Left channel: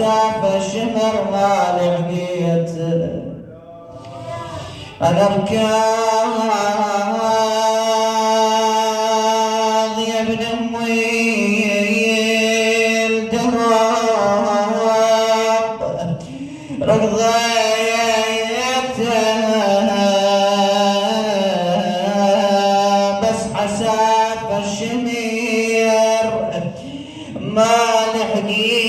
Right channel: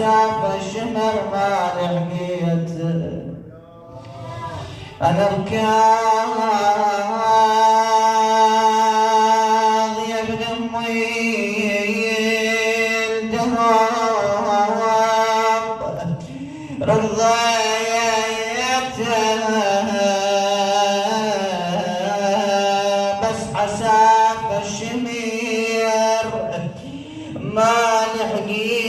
عساف الشمر ما لحقيت انا ركاض يا ابن امي الدراب رضيتها بس عساف الشمير ما لحقيت